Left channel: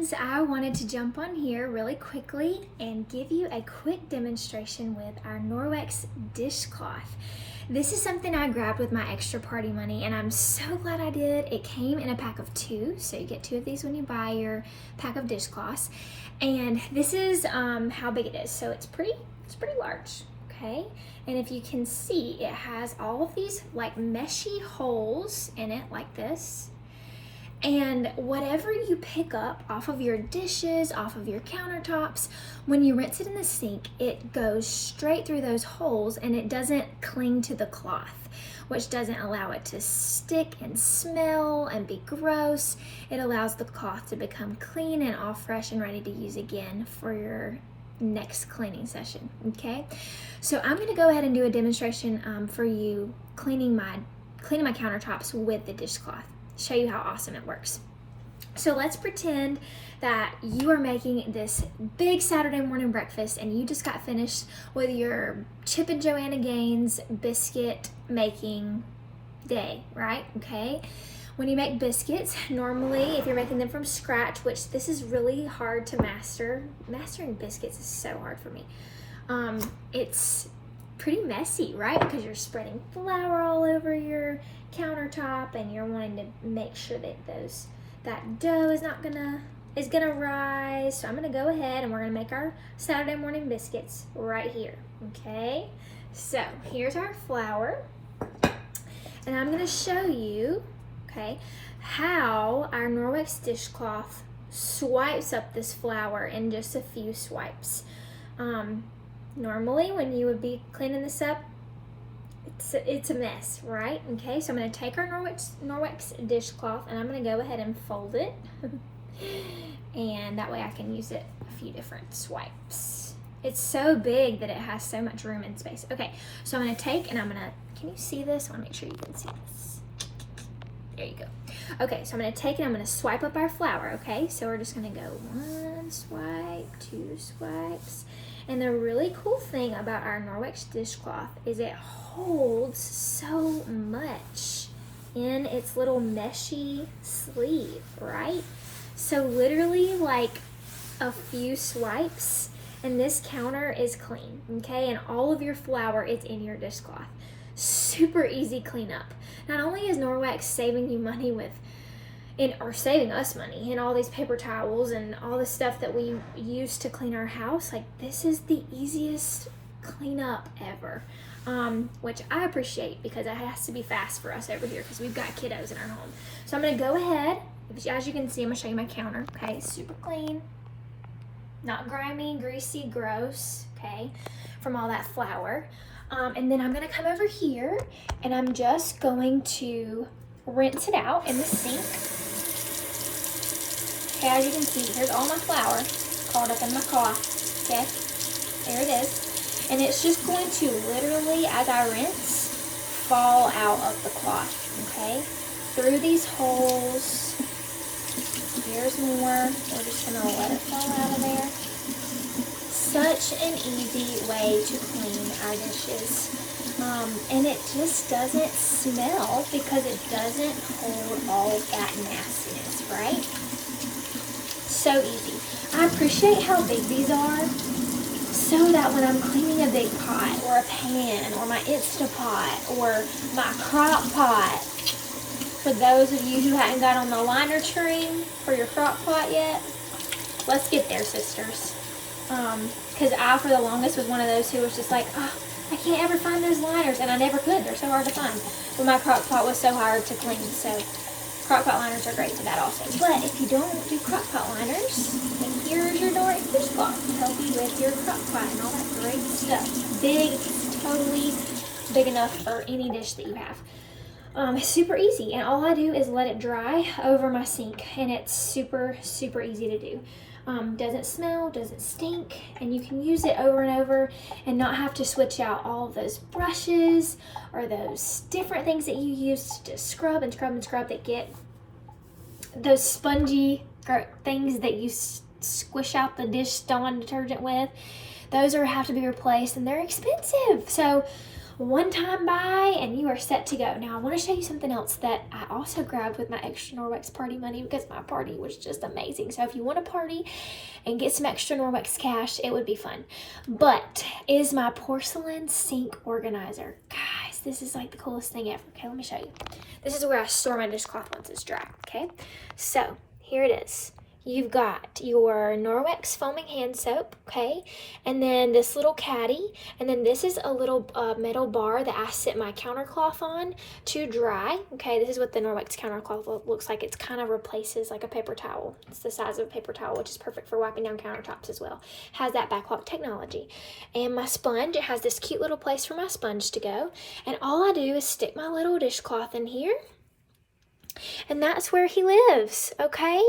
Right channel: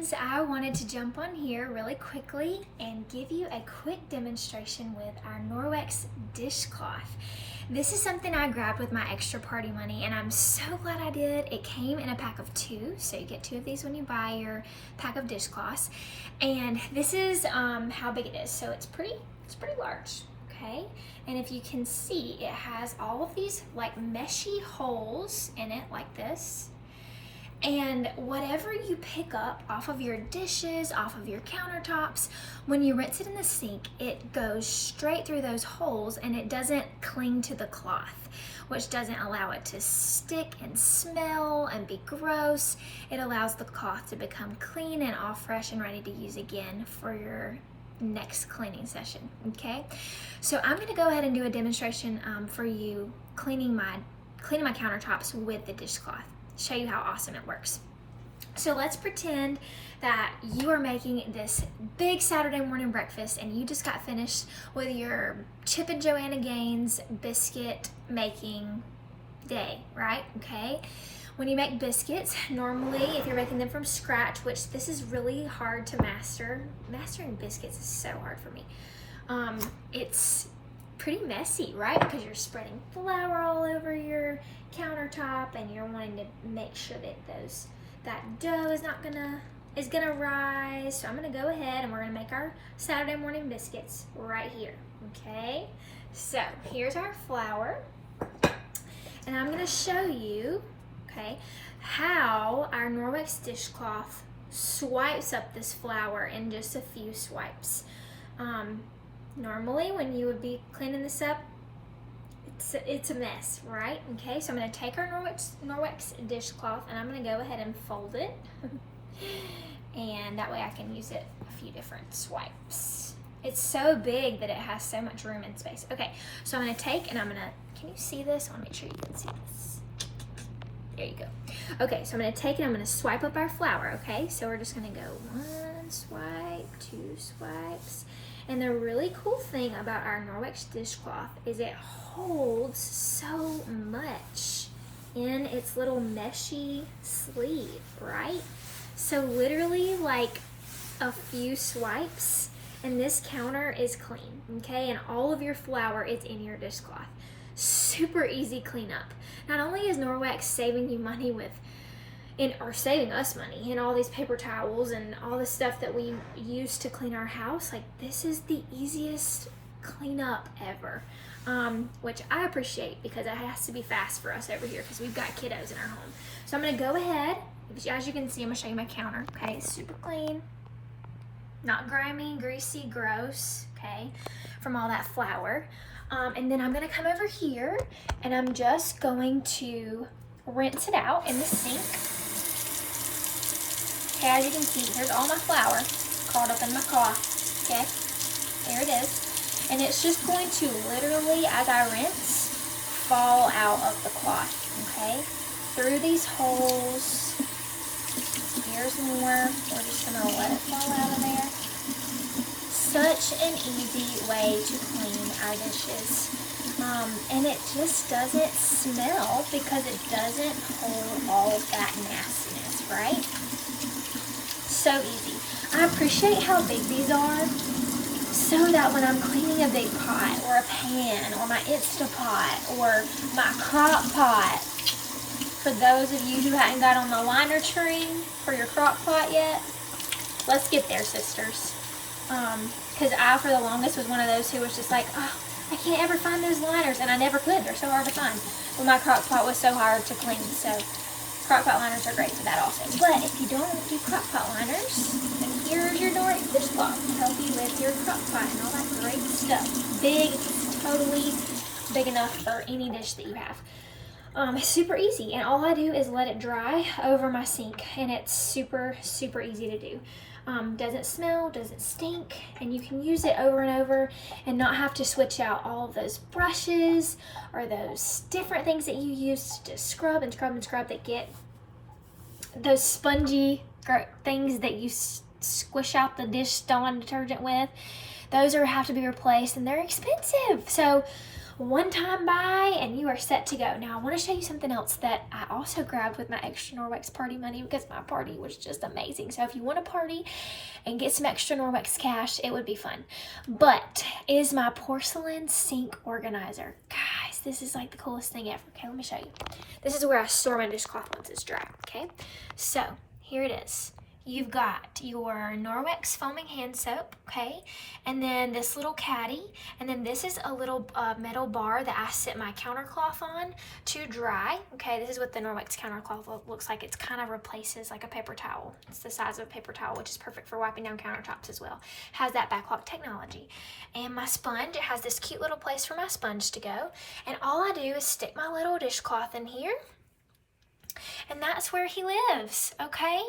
friends, I wanted to jump on here really quickly and give you a quick demonstration with our Norwex dishcloth. This is something I grabbed with my extra party money and I'm so glad I did. It came in a pack of 2, so you get 2 of these when you buy your pack of dishcloths. And this is how big it is. So it's pretty large, okay? And if you can see, it has all of these like meshy holes in it like this. And whatever you pick up off of your dishes, off of your countertops, when you rinse it in the sink, it goes straight through those holes and it doesn't cling to the cloth, which doesn't allow it to stick and smell and be gross. It allows the cloth to become clean and all fresh and ready to use again for your next cleaning session, okay? So I'm gonna go ahead and do a demonstration for you cleaning my countertops with the dishcloth. Show you how awesome it works. So let's pretend that you are making this big Saturday morning breakfast and you just got finished with your Chip and Joanna Gaines biscuit making day, right? Okay. When you make biscuits, normally if you're making them from scratch, which this is really hard to master, mastering biscuits is so hard for me. It's pretty messy, right? Because you're spreading flour all over your countertop and you're wanting to make sure that that dough is gonna rise. So I'm gonna go ahead and we're gonna make our Saturday morning biscuits right here, okay? So here's our flour and I'm gonna show you, okay, how our Norwex dishcloth swipes up this flour in just a few swipes. Normally when you would be cleaning this up, it's a mess, right? Okay, so I'm going to take our Norwex dishcloth and I'm going to go ahead and fold it and that way I can use it a few different swipes. It's so big that it has so much room and space. Okay, so I'm going to take and I'm going to, can you see this? I want to make sure you can see this. There you go. Okay, so I'm going to take and I'm going to swipe up our flour, okay? So we're just going to go 1 swipe, 2 swipes. And the really cool thing about our Norwex dishcloth is it holds so much in its little meshy sleeve, right? So literally like a few swipes and this counter is clean, okay? And all of your flour is in your dishcloth. Super easy cleanup. Not only is Norwex saving you money or saving us money in all these paper towels and all the stuff that we use to clean our house, like this is the easiest cleanup ever, which I appreciate because it has to be fast for us over here because we've got kiddos in our home. So I'm gonna go ahead, as you can see, I'm gonna show you my counter, okay? It's super clean, not grimy, greasy, gross, okay, from all that flour. And then I'm gonna come over here and I'm just going to rinse it out in the sink. Okay, as you can see, here's all my flour curled up in my cloth, okay? There it is. And it's just going to literally, as I rinse, fall out of the cloth, okay? Through these holes. Here's more. We're just gonna let it fall out of there. Such an easy way to clean our dishes. And it just doesn't smell because it doesn't hold all of that nastiness, right? So easy. I appreciate how big these are so that when I'm cleaning a big pot or a pan or my Instapot or my crock pot, for those of you who hadn't got on the liner train for your crock pot yet, let's get there, sisters. Because I, for the longest, was one of those who was just like, oh, I can't ever find those liners, and I never could. They're so hard to find. Well, my crock pot was so hard to clean, so crock pot liners are great for that also. But if you don't do crock pot liners, then here's your Norwex dishcloth to help you with your crock pot and all that great stuff. Big, it's totally big enough for any dish that you have. It's super easy, and all I do is let it dry over my sink, and it's super, super easy to do. Doesn't smell, doesn't stink, and you can use it over and over and not have to switch out all of those brushes or those different things that you use to scrub and scrub and scrub that get those spongy things that you squish out the dish Dawn detergent with. Those have to be replaced and they're expensive. So one time buy and you are set to go. Now I want to show you something else that I also grabbed with my extra Norwex party money because my party was just amazing. So if you want to party and get some extra Norwex cash, it would be fun. But it is my porcelain sink organizer. Guys, this is like the coolest thing ever. Okay, let me show you. This is where I store my dishcloth once it's dry. Okay, so here it is. You've got your Norwex foaming hand soap, okay, and then this little caddy, and then this is a little metal bar that I sit my countercloth on to dry. Okay, this is what the Norwex countercloth looks like. It kind of replaces like a paper towel. It's the size of a paper towel, which is perfect for wiping down countertops as well. Has that backlock technology. And my sponge, it has this cute little place for my sponge to go, and all I do is stick my little dishcloth in here, and that's where he lives, okay?